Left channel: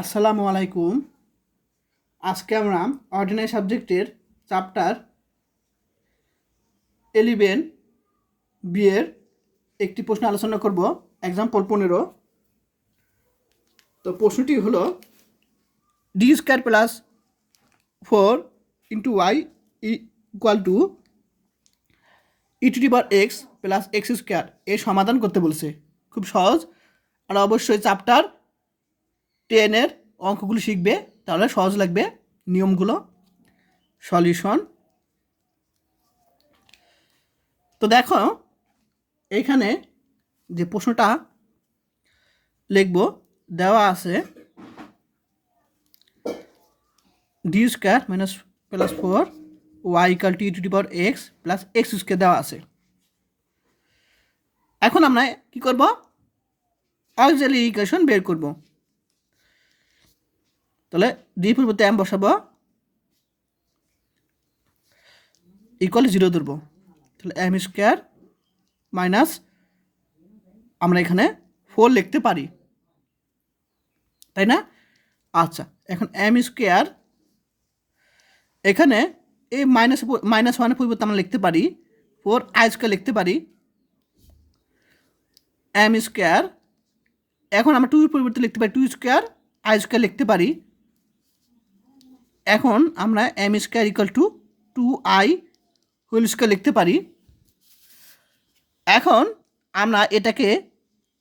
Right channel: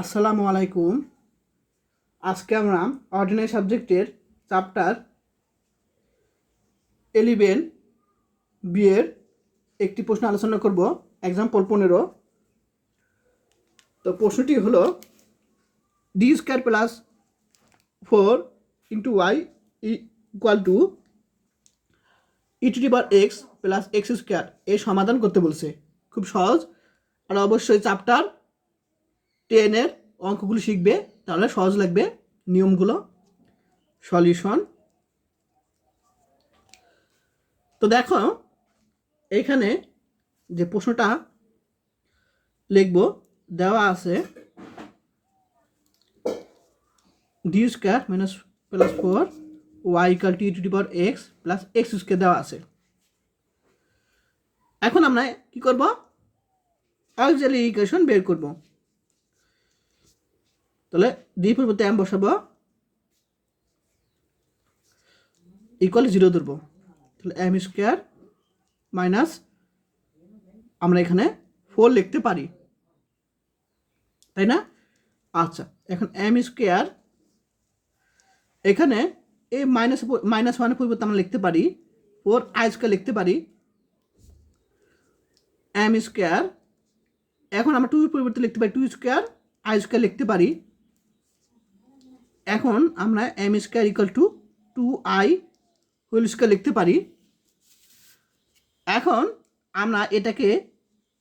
আসসালামু আলাইকুম। আজকে আমরা অর্ডিনারি সাবজেক্টের চ্যাপ্টার 11 বিয়ের একটি প্রশ্ন আলোচনা করব। এক্সাম্পল 15। তো প্রশ্নটি হলো D square plus 4 into Y equal to E to the power x plus X square এর সমাধান করতে বলছে। খুব সহজ, আর অবশ্যই চ্যাপ্টার 10-এর অঙ্কগুলো শিখবে, তাহলে সহজ লাগবে নিয়মগুলো। সলিউশন। তো দেখো এইখানে যে প্রশ্নটা লিখব দেওয়া আছে D square minus plus 4 Y equal to E to the power x plus X square দেওয়া আছে। এখন আমরা কি করব? অক্সিলারি ইকুয়েশন বের করব। তাহলে ডি পরিবর্তে এম বসাবো, ইকুয়াল 0 ধরবো। তাহলে এম স্কোয়ার মাইনাস আমরা এখানে 4 লিখতে পারি, তাই না? আচ্ছা, এখন এম স্কোয়ার এখানে এই মাইনাস ওয়ানের পরিবর্তে আমরা লিখতে পারি 4 আই স্কোয়ার লিখতে পারি এম স্কোয়ার। এখন আমরা 2 এর পরিবর্তে লিখতে পারি 2 স্কোয়ার আই স্কোয়ার লিখতে পারি। এখন আমরা M square equal to 2i whole square লিখতে পারি। এখন আমরা এটাকে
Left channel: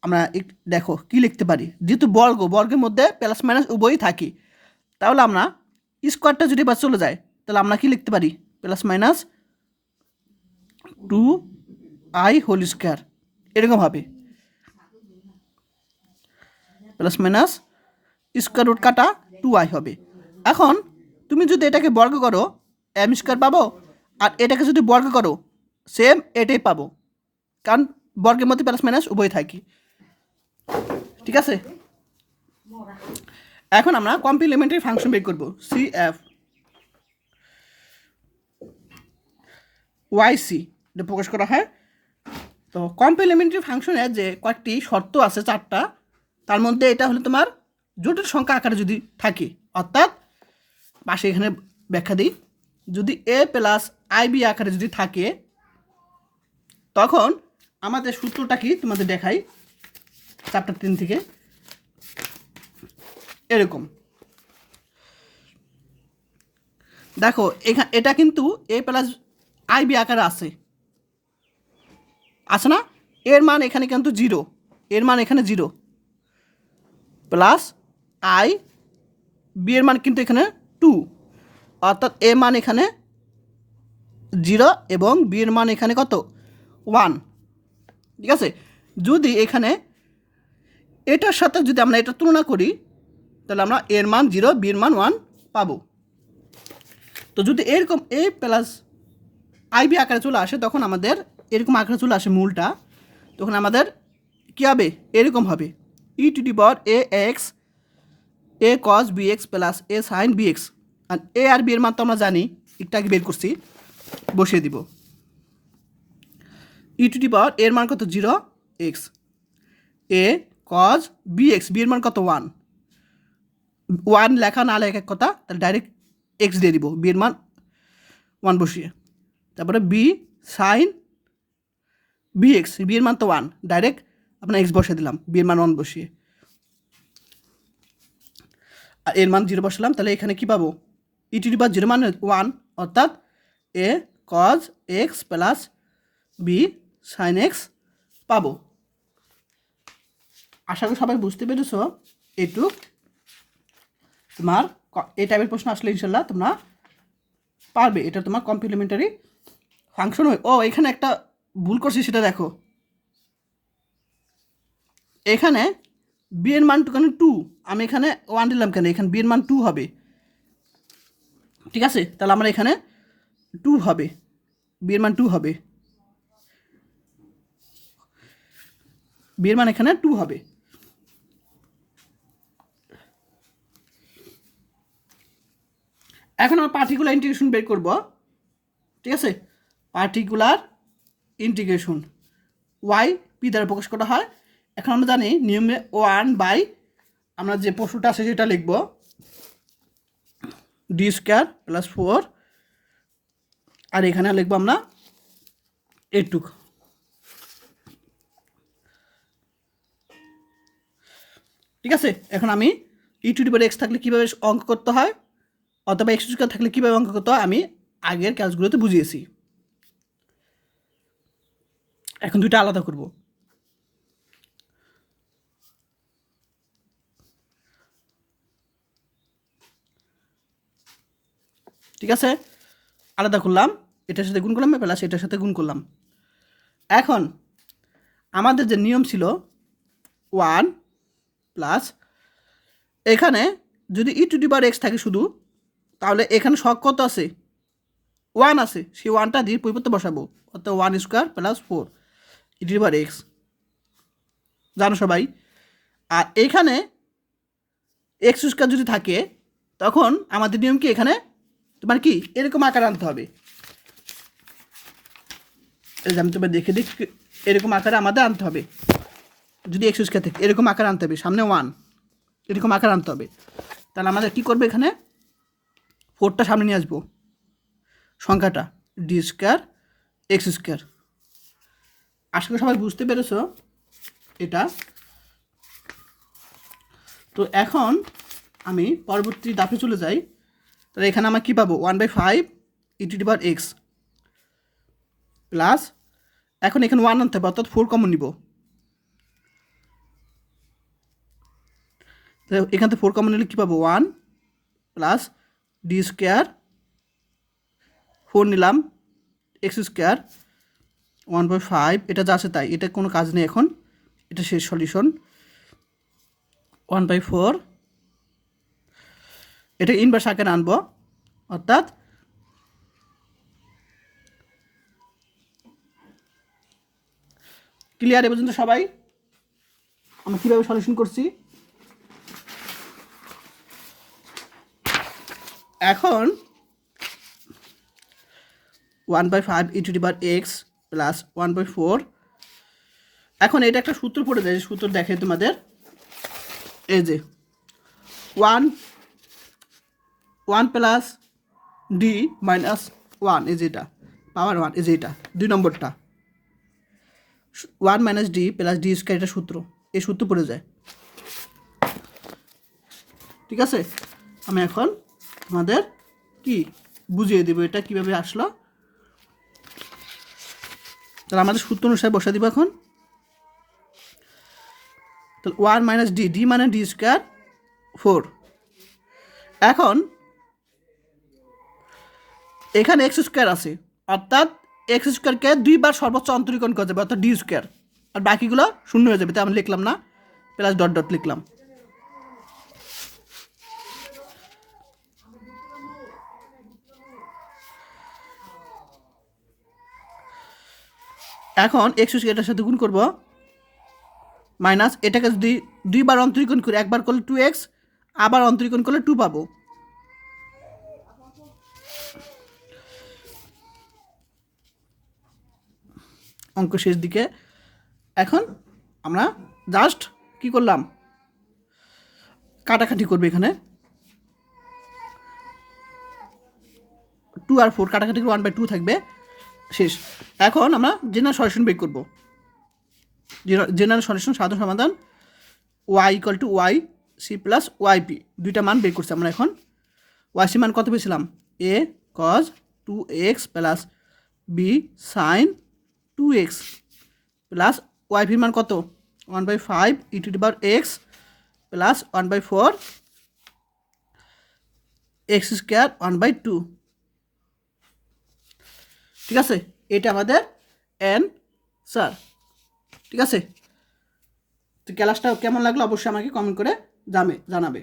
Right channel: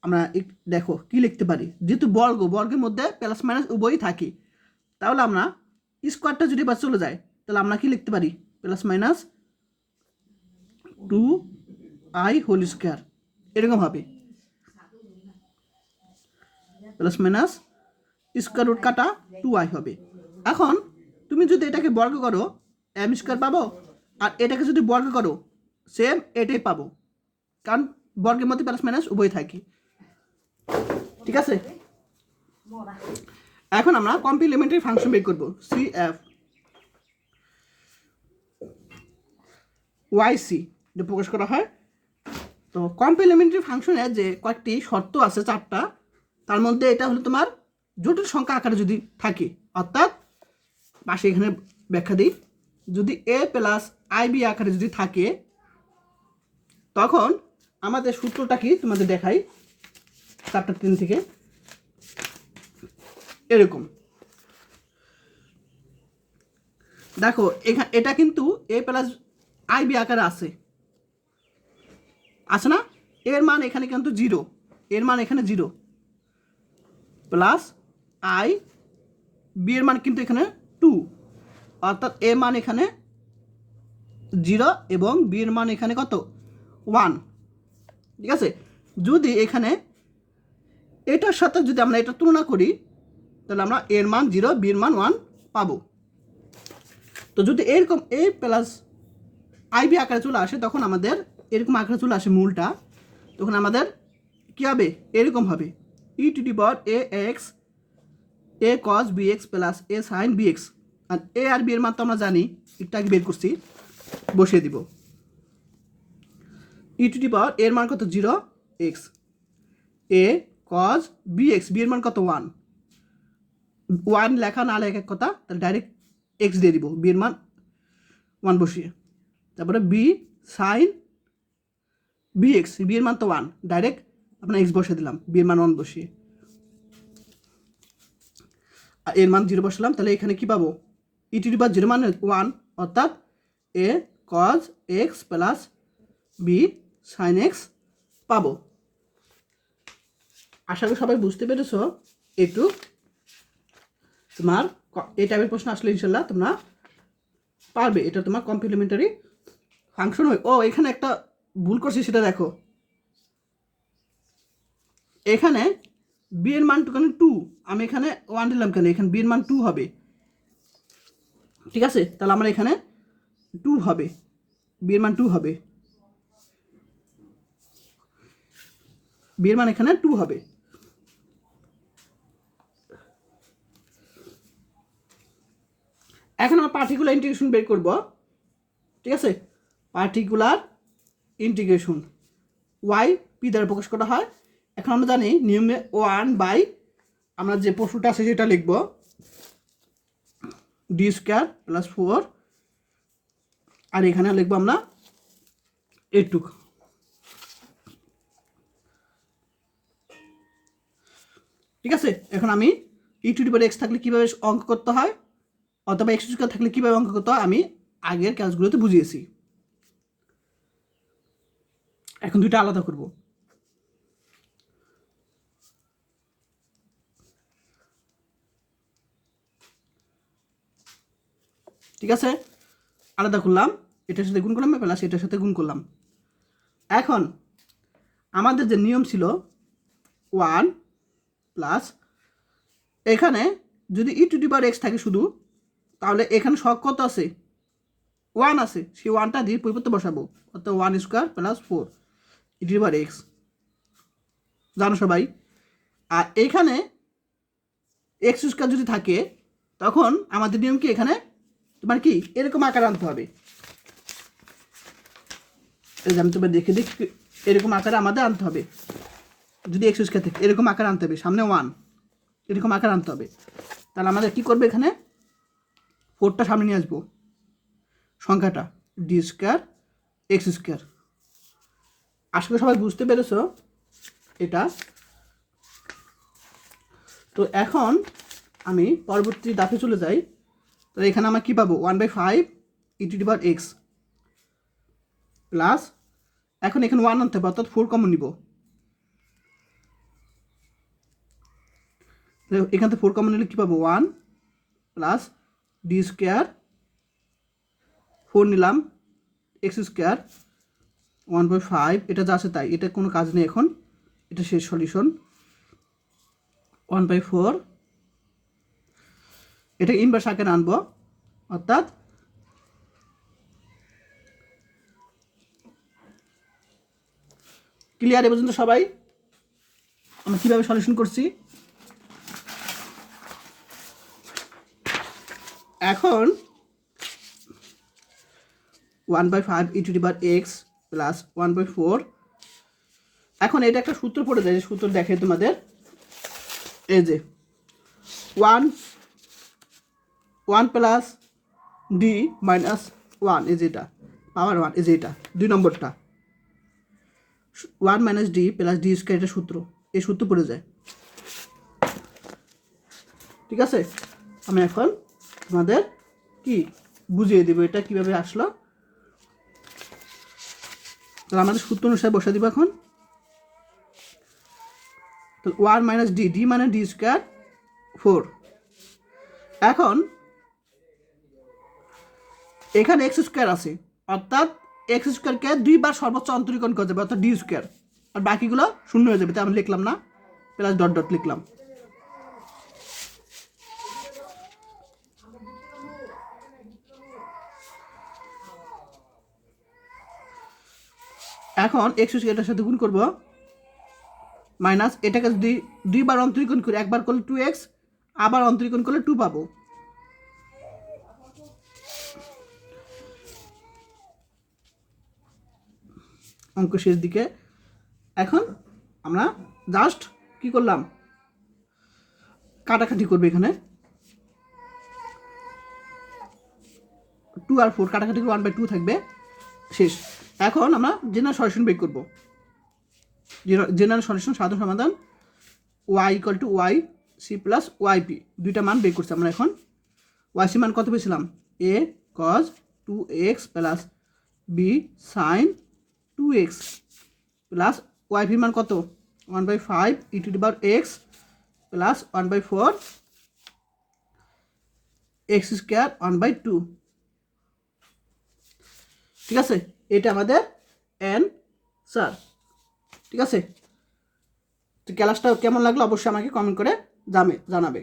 আমরা দেখো কি লিখতে পারি, যেহেতু বর্গের মধ্যে প্লাস মাইনাস উভয়ই থাকি, তাহলে আমরা স্কোয়ারটা যদি বা চলে যায় তাহলে আমরা কি লিখতে পারি plus minus 2i whole square, এরকম হবে। প্লাস মাইনাস স্কোয়ার রুট কাটা 2i হবে। এখন তুমি যদি এটাকে বর্গ করো এম স্কোয়ার পাবো, আর এটাকে যদি বর্গ করো সেম এটাই পাবো, কারণ বর্গের মধ্যে প্লাস মাইনাস উভয় থাকি। ঠিক আছে, এখন আমরা কমপ্লিমেন্টারি ফাংশন বের করব। সি এফ ওয়াই সি এটা প্রকাশ করা হয়। তো কমপ্লিমেন্টারি ফাংশনের যে কয়েকটি শর্ত আছে 4টা, তার মধ্যে এটা হলো তোমার জটিল সংখ্যা আকারে যদি থাকে, অর্থাৎ পাশে এখানে ব্যাখ্যা দিই, যদি এ প্লাস আই বি আকারে যদি থাকে, তখন আমাদের সূত্রটা কি তোমাদের দেখাই চ্যাপ্টার 3 থেকে। এরকম দেখো, এটা কিন্তু এ প্লাস আই বি আকারে আছে না? এর মান এখানে কিন্তু 0, এর মান এখানে 0 প্লাস আই বি এর মান কিন্তু এখানে 2, অর্থাৎ এ মান এখানে 0 এবং বি এর মান এখানে কত 1। ঠিক আছে, যদি এখানে এটার সাথে যদি আমরা এটা তুলনা করি তাহলে আমরা এর মান 0 বি এর মান 1 পাবো। তো যদি এরকম এ প্লাস আইবি আকারে চলে আসে, তখন আমাদের এরকম আকারে চলে আসে মূলটা, তখন আমাদের কী হবে? এরকম হবে e to the power a x a cos b x plus a sine B x. আর এ আর বি এর মান তো আমরা জানি, একটু আগে বের করছি, বসিয়ে দিব। ই টু দি পাওয়ার এর মান কত 0 x, a cos b X B এর মান কত 1 লেখা না লেখা কথা, তাহলে ডাইরেক্ট এক্স দিয়ে দিব, বি এর মান 1 বসিয়ে। তারপরে B sine B X B এর মান তো 1, ডাইরেক্ট আপনার এক্স বসিয়ে দিলাম, বি এর মান 1 বসিয়ে, আর এর মান 0 বসালাম। তাহলে এখানে কি পাবো? ই টু দি পাওয়ার 0 মানে 1, অর্থাৎ a cos x plus b sine x পাবো। আশা করি সবাই বুঝতে পেরেছ। একটু তোমার এই টাইপের প্রশ্ন আসলে ইনশাল্লাহ তোমরা পারবে। এটা তোমার কমপ্লিমেন্টারি ফাংশন হয়। ও এখানে একটা ভুল করছি, সেটা দেখো, এখানে বি এর মান কেন 2, আমি এখানে 1 দিলাম কেন? এখানে বি এর মান 2 হবে। ঠিক আছে, তাহলে আমরা এখানে 2 হবে, বি এর মান 2 হবে, বি এর মান এখানে 2 হবে। এখন আমরা পার্টিকুলার ইন্টিগ্রেশন বের করব। ঠিক আছে, পার্টিকুলার ইন্টিগ্রেশন ওয়াই পি দ্বারা প্রকাশ করা হয়। এখন আমরা জানি নিয়মে 1/, আমরা যে প্রশ্নটা আছে সেটা লিখব ডি স্কোয়ার প্লাস 4 আর এখানে লিখবো আমরা এইটুক। ঠিক আছে, এখন আমি ই টু দি পাওয়ার এক্স থাকলে কীভাবে অঙ্ক করতে হয় অথবা এক্স স্কোয়ার থাকলে কীভাবে অঙ্ক করতে হয় আমি আগের ক্লাসগুলোতে বুঝিয়েছি। এখন দুইটা আলাদা করব। ঠিক আছে, আলাদা করলাম, এটার সাথে গুণ করলাম প্লাস এটার সাথে গুণ করলাম। এখন আমাদের যে নিয়ম ছিল 1 প্লাস এখানে যদি ই টু দি পাওয়ার এক্স থাকে শুধু, তাহলে এখানে শখ কত আছে 1 আছে, সেই 1টা দিয়ে পরিবর্তে বসাবো, অর্থাৎ 1 square plus 4 E to the power x, জানো সবাই। আর এখানে এক্স স্কোয়ার যদি থাকে তখন আমাদের নিয়ম কি এখানে তোমার কি এরকম আকার আনতে হবে। আমি তোমার দেখে দিই, এরকম আকারে আমাদের আনতে হবে। যদি এক্স স্কোয়ার থাকে এরকম আকার আনতে হবে, সামনে 1 এরকম আকার আনতে হবে। তাহলে আমাদের কী করবে, এখানে 4টা সামনে নিয়ে আসবো, সংখ্যাটা ডি স্কোয়ার এক্স স্কোয়ার। আসলে সবাই বুঝতে পেরেছ এটা। তো এখন আমি পরবর্তী ধাপে চলে যাই। তাহলে এখানে আমরা কী পাবো 1/5 e to the power x plus, এখন এখানে 1 আনতে হবে অর্থাৎ 4 কমন নিব। এখান থেকে 4 কমন নিলে কী পাবো 1 প্লাস ডি স্কোয়ার 4 নিলাম এক্স স্কোয়ার 1/5, এটা যা আছে তাই, এটা কোনো কাজ নেই এখন, এটা শেষ সলিউশন। 1/4 এটা ইনভার্স আকারে আনবো, অর্থাৎ ক্লিয়ার এ পর্যন্ত সবাই? আমি কীভাবে সলিউশন করছি। এখন 1/5 e to the power x plus 1/4, এখন এটা একটা সূত্র পড়ে যায়, সূত্র দেখে তোমাদের, এই যে 1 প্লাস ডি মাইনাস 1, এই যে এটা পাওয়ার 1, এই যে এটা 2 নম্বরটা 1 minus D plus D square, এটা সূত্র, এই সূত্র পড়ে যায়। ঠিক আছে, আমি এখন তোমাদের কি বুঝিয়ে দেবো এটা কীভাবে আসলো। তাহলে আমাদের সূত্র অনুসারে বসা দিব এখন। তাহলে 1 মাইনাস ডি, ডি মানে ডি স্কোয়ার 4। এখন এখানে এক্স স্কোয়ার আছে, অর্থাৎ এক্স স্কোয়ারকে 2 বার সর্বোচ্চ অন্তরীকরণ করা যাবে, অর্থাৎ ডি স্কোয়ার, আর বাকিগুলো শূন্য হয়ে যাবে, তাই আমি লিখলাম না, প্লাস ডট ডট লিখলাম। এখন এক্স স্কোয়ারটার সাথে গুণ করব, মাইনাস এটাকে যদি 2 বার অন্তরীকরণ করি, একবার করলে 2x, আবার অন্তরীকরণ করলে 2 পাবো। অঙ্ক শেষ দিকে। এখন আমরা জাস্ট কি করলাম, কাটাকাটি করবে, এখানে 2 আর 4 কাটাকাটি 1/2 থাকবে, শেষ। এখন আমরা জেনারেল সলিউশন বের করব। জেনারেল সলিউশন সাধারণ সমাধান y equal to Y C plus YP, দুইটা মান বের করছি আমরা। এখন ওয়াই সি মান কত পেয়েছিলাম, a cos 2x plus b sin 2x plus y p মান কত 1/5 e to the power x plus 1/4 x square 1/2। ঠিক আছে, এটা আমাদের অ্যান্সার। ঠিক আছে, তো ক্লাসটা কেমন লাগলো অবশ্যই আমাকে কমেন্ট করে জানাবে।